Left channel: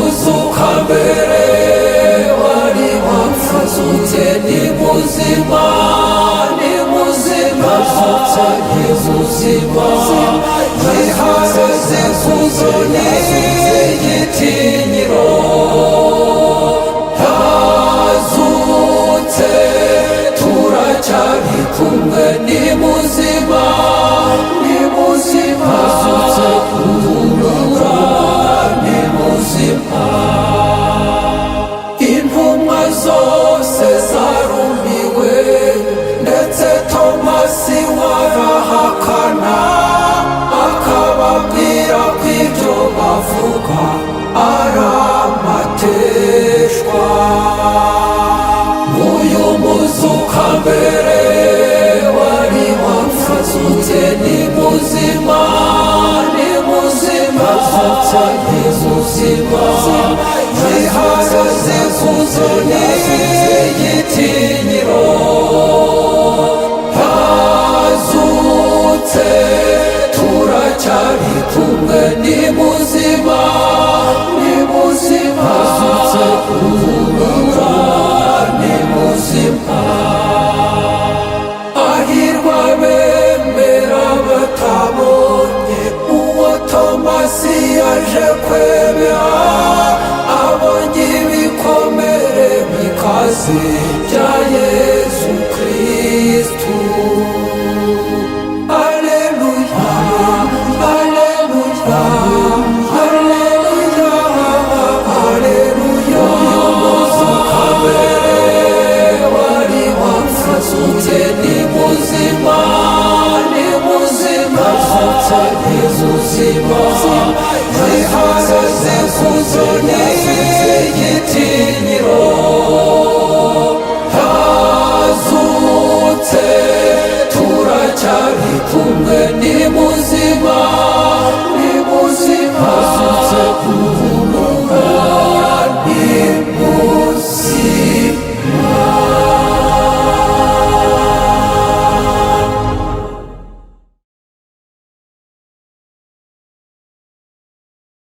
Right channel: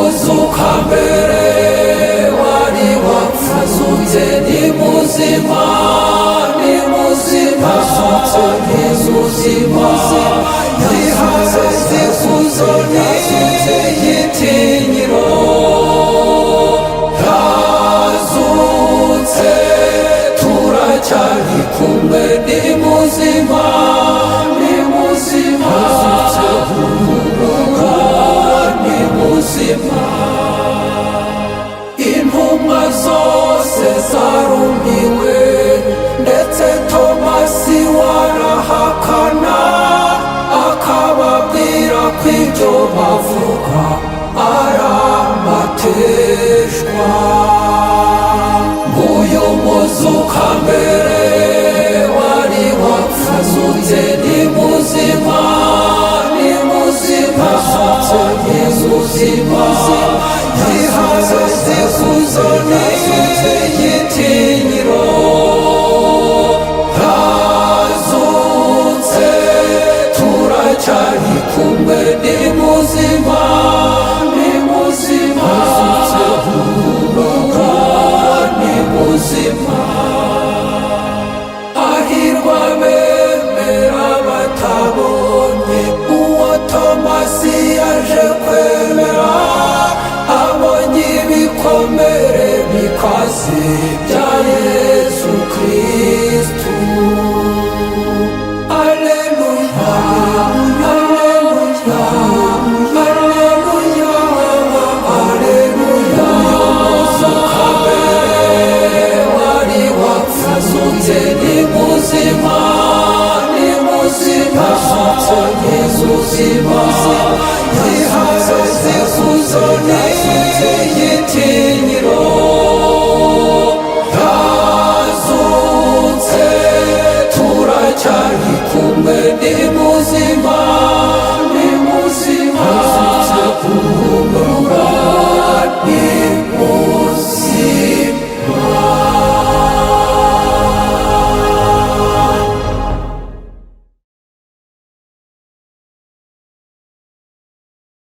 muzuka mbere wari wapfazutse ni muzima ni muzima Yezuzima ziharaze kuzo n'igitinyiro yazutse turacyari kumwe ni muzima ni muzima humura ni muzima intumwa zose zarumiwe ndetse Tomasi warahakana akababwira ko ibyo bavuga ari amateshwa uyu muzuka mbere wari wapfazutse ni muzima ni muzima Yezuzima ziharaze kuzo n'igitinyiro yazutse turacyari kumwe ni muzima ni muzima humura ni muzima ahirwa bemera batabonye uwo Tomasi yaje kwemera abonye ibikomere bikaze bya Yesu Kristu Alleluya Alleluya Alleluya Alleluya muzuka mbere wari wapfazutse ni muzima ni muzima Yezuzima ziharaze kuzo n'igitinyiro